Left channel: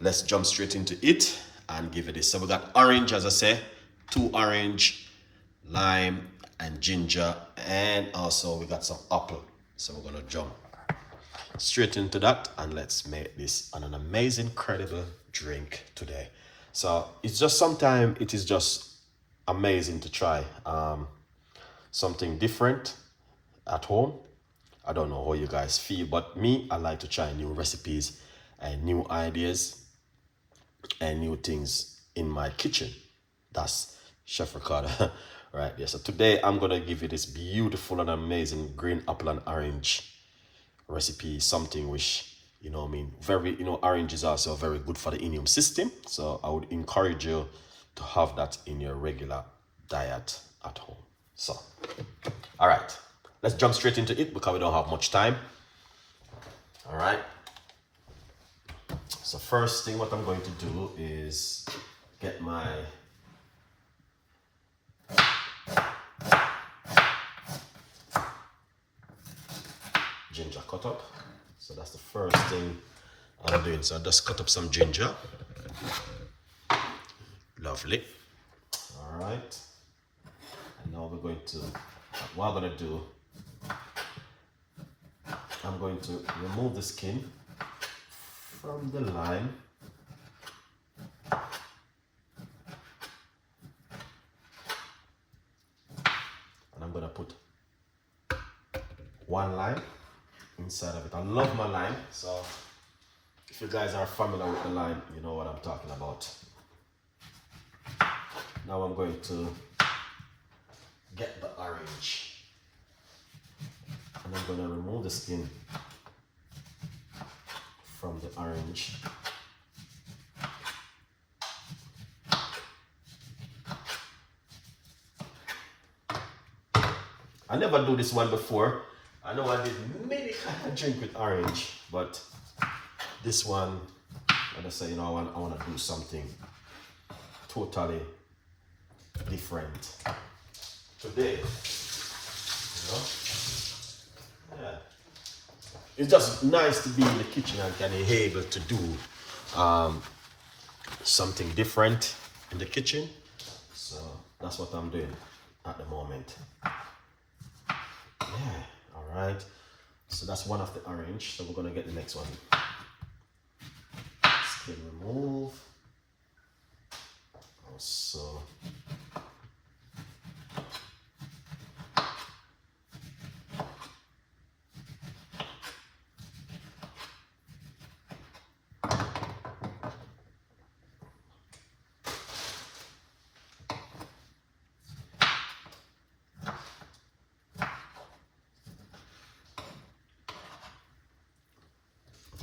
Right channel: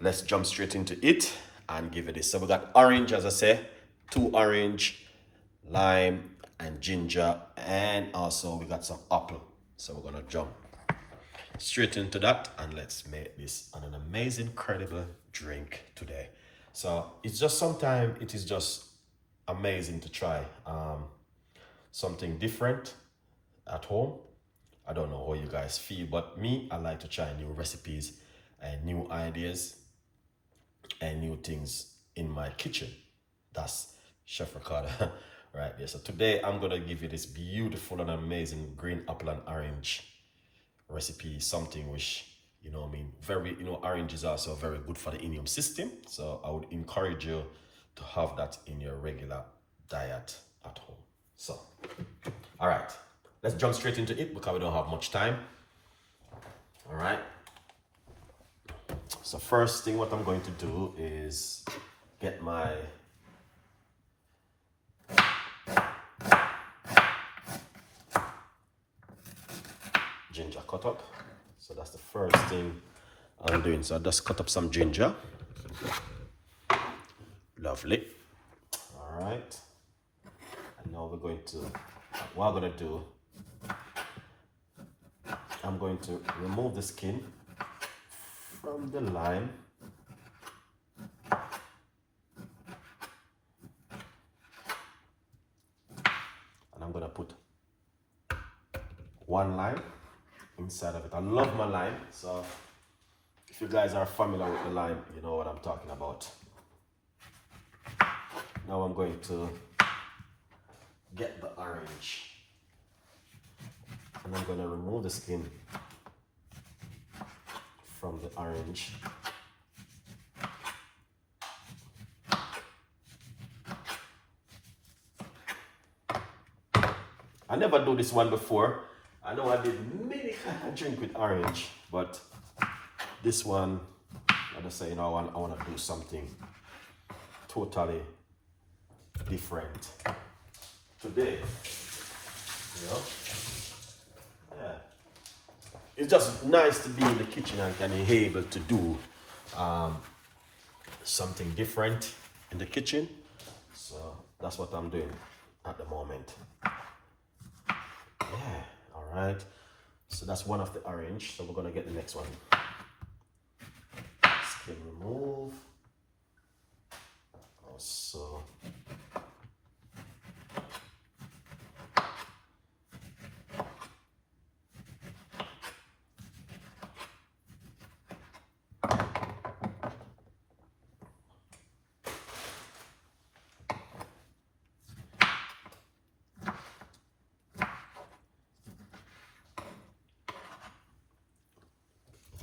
let's jump straight into it and give it this. So we got orange, as I say, 2 orange, lime, and ginger, and also we got some apple. So we're gonna jump straight into that and let's make this an amazing, incredible drink today. So it's just sometimes it is just amazing to try something different at home. I don't know how you guys feel, but me, I like to try new recipes and new ideas and new things in my kitchen. That's Chef Ricardo right there. So today I'm gonna give you this beautiful and amazing green apple and orange recipe, something which, you know, I mean, very, you know, orange is also very good for the immune system. So I would encourage you to have that in your regular diet at home. So, all right, let's jump straight into it because we don't have much time. All right. So first thing what I'm going to do is get my ginger cut up. So that's the first thing I'm doing. So I just cut up some ginger. Lovely. All right. And now we're going to, what I'm going to do, I'm going to remove the skin from the lime. And I'm going to put 1 lime inside of it. I love my lime, so if you guys are familiar with the lime, you know what I'm talking about. Now I'm going to get the orange and I'm going to remove the skin from the orange. I never do this one before. I know I did many kind of drink with orange, but this one, like I say, you know, I want to do something totally different today. You know, yeah. It's just nice to be in the kitchen and be able to do something different in the kitchen. So that's what I'm doing at the moment. Yeah. All right. So that's one of the orange. So we're gonna get the next one. Skin remove. Also.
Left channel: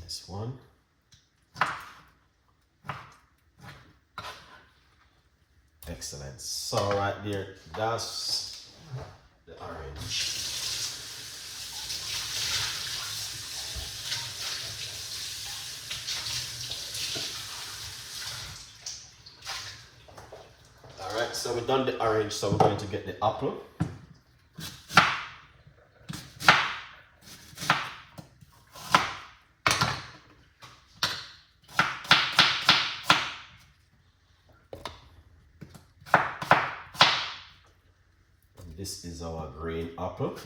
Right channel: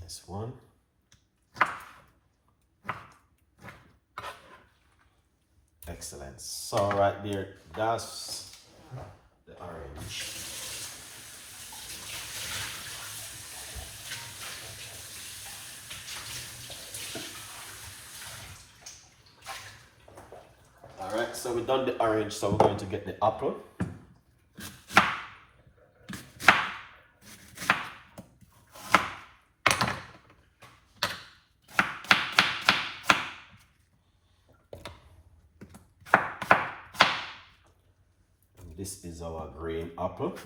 This one. Excellent. So right there, that's the orange. All right, so we've done the orange, so we're going to get the apple. This is our green apple.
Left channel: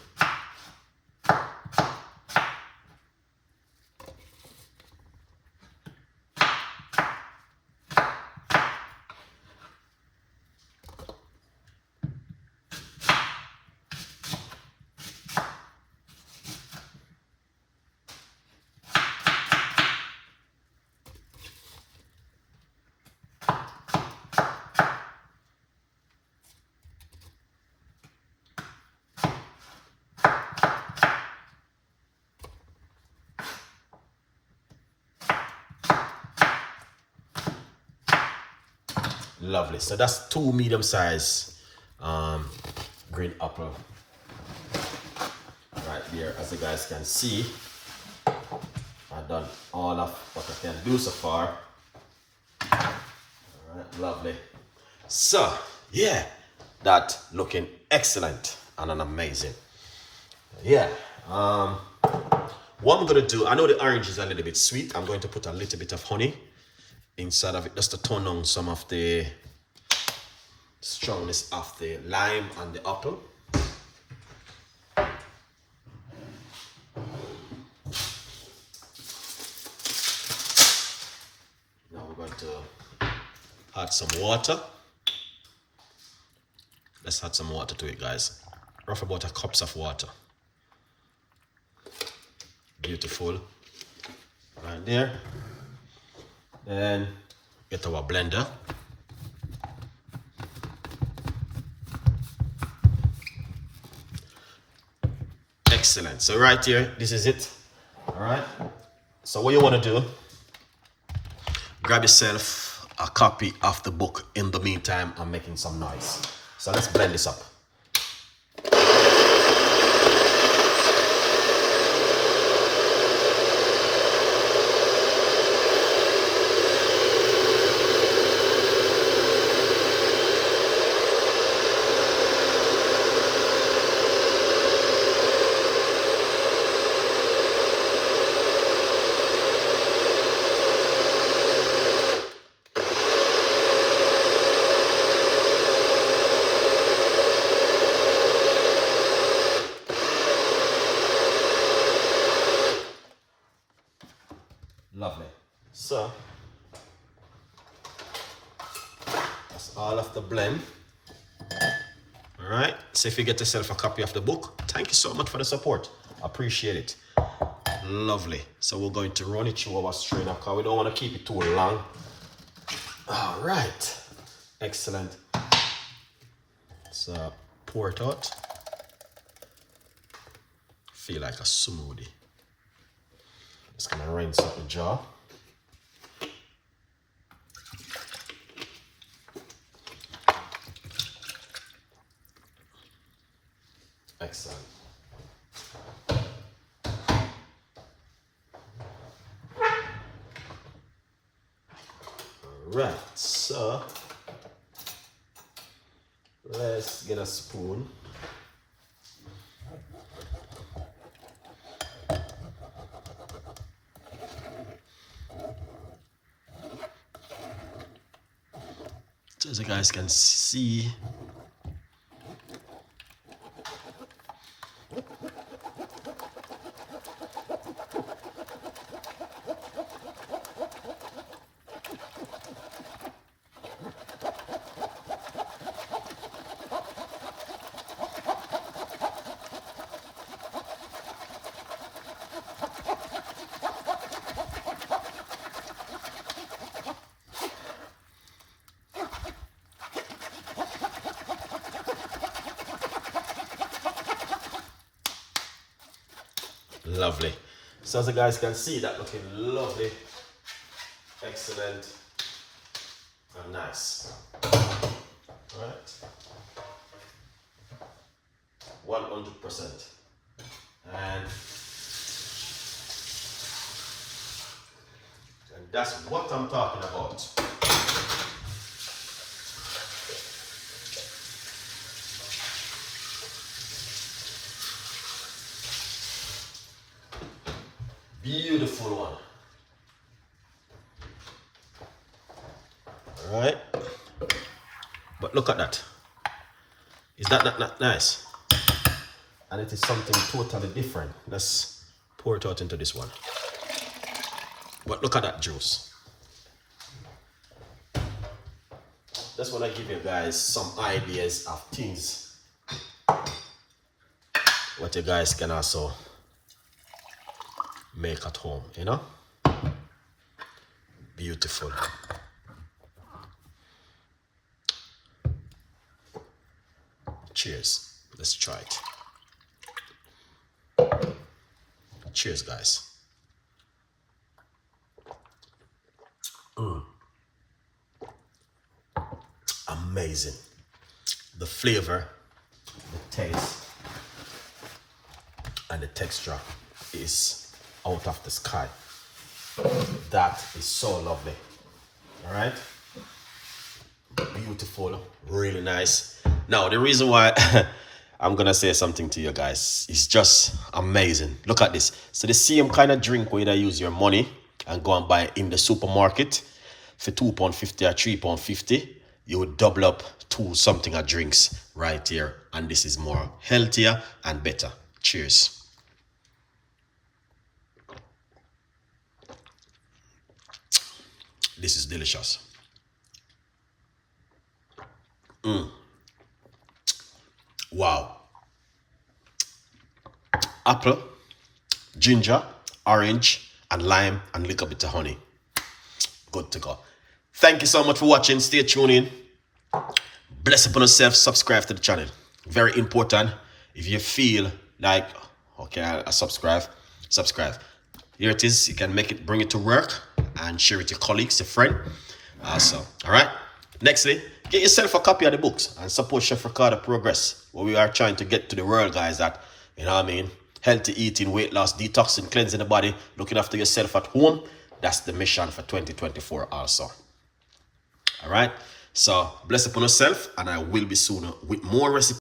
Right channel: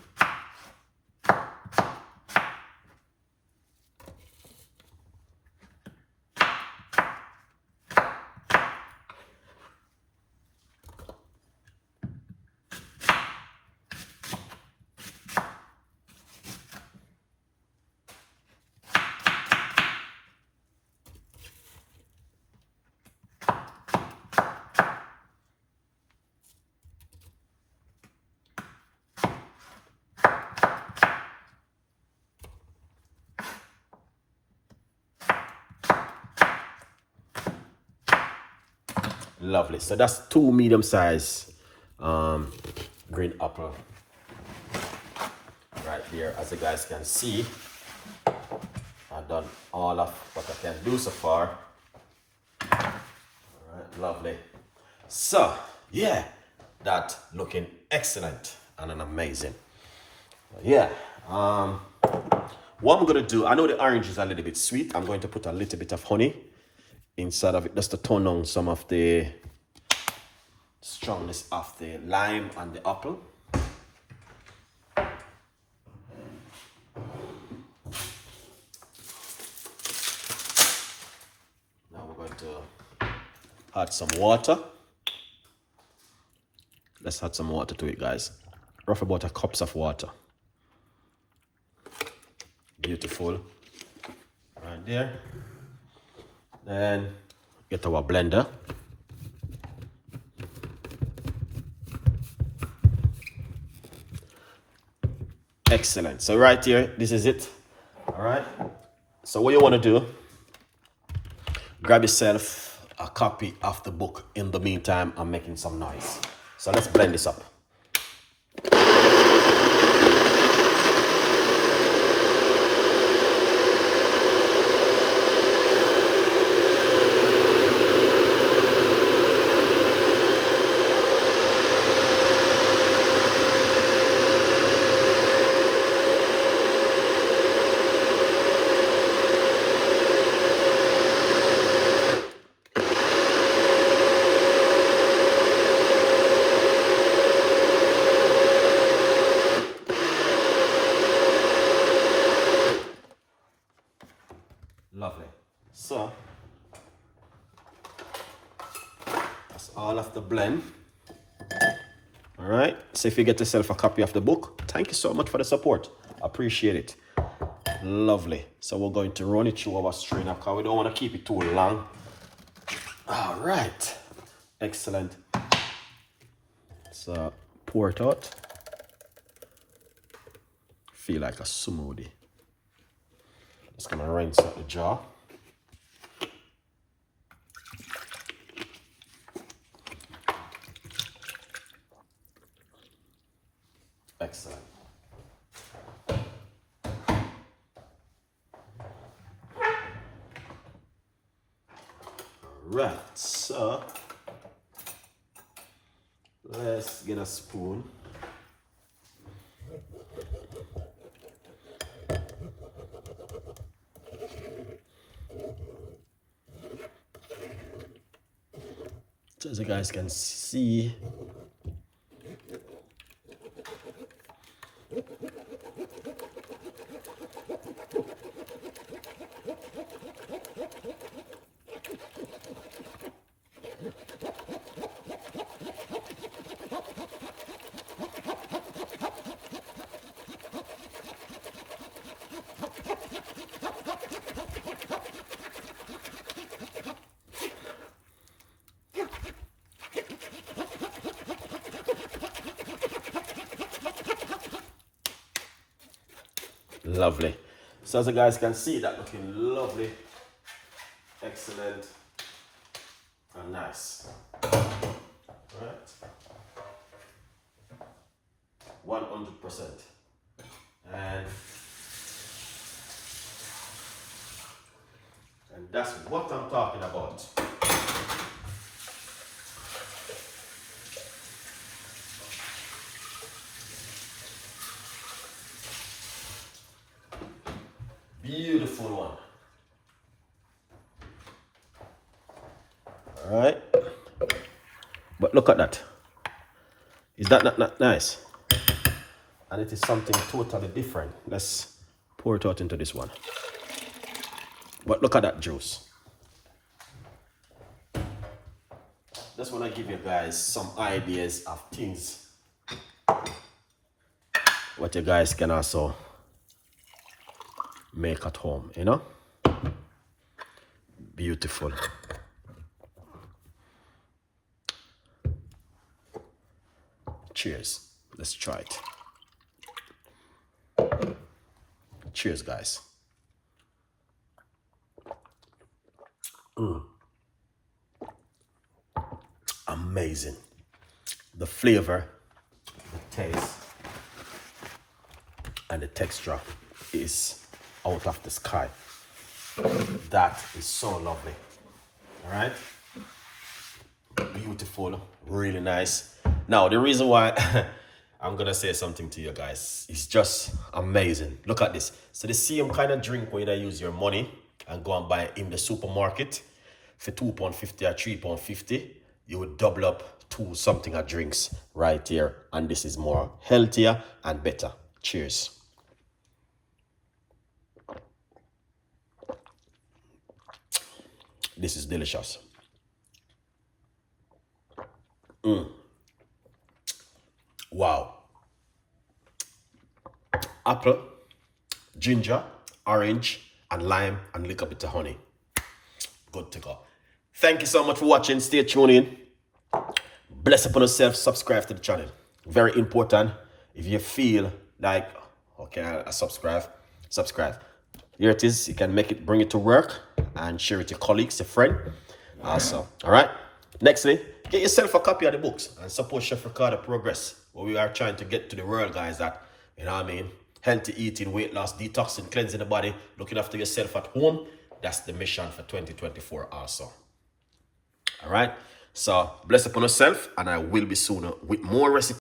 Lovely. So that's 2 medium-sized green apple right there. As you guys can see, I've done all of what I can do so far. All right, lovely. So yeah, that looking excellent and an amazing. Yeah. What I'm gonna do, I know the orange is a little bit sweet. I'm going to put a little bit of honey inside of it just to tone down some of the strongness of the lime and the apple. Now we're going to add some water. Let's add some water to it, guys. Roughly about a cups of water. Beautiful. Right there. Then get our blender. Excellent. So right here, this is it. All right. So what you want to do, grab yourself a copy of the book. In the meantime, I'm making some noise. So let's blend this up. Lovely. So that's all of the blend. All right. So if you get yourself a copy of the book, thank you so much for the support. Appreciate it. Lovely. So we're going to run it through our strainer because we don't want to keep it too long. All right. Excellent. So pour it out. Feel like a smoothie. Just gonna rinse out the jar. Excellent. Alright, so let's get a spoon. So as you guys can see, lovely. So as you guys can see, that looking lovely, excellent, and nice. Right, 100%, and that's what I'm talking about. Beautiful one. All right, but look at that. Is that not nice? And it is something totally different. Let's pour it out into this one. But look at that juice. Just want to give you guys some ideas of things what you guys can also make at home, you know? Beautiful. Cheers. Let's try it. Cheers, guys. Amazing. The flavor, the taste, and the texture is out of the sky. That is so lovely. All right, beautiful, really nice. Now the reason why I'm gonna say something to you guys is just amazing. Look at this. So the same kind of drink where you use your money and go and buy in the supermarket. for £2.50 or £3.50, you would double up to something of drinks right here. And this is more healthier and better. Cheers. This is delicious. Wow. Apple, ginger, orange, and lime, and a little bit of honey. Good to go. Thank you so much for watching. Stay tuned in. Bless upon yourself. Subscribe to the channel. Very important. If you feel like, okay, I'll subscribe. Here it is. You can make it, bring it to work and share it with your colleagues, your friend. Also, all right. Nextly, get yourself a copy of the books and support Chef Ricardo Progress, where we are trying to get to the world, guys, that, you know what I mean, healthy eating, weight loss, detoxing, cleansing the body, looking after yourself at home. That's the mission for 2024 also. All right. So bless upon yourself, and I will be soon with more recipes.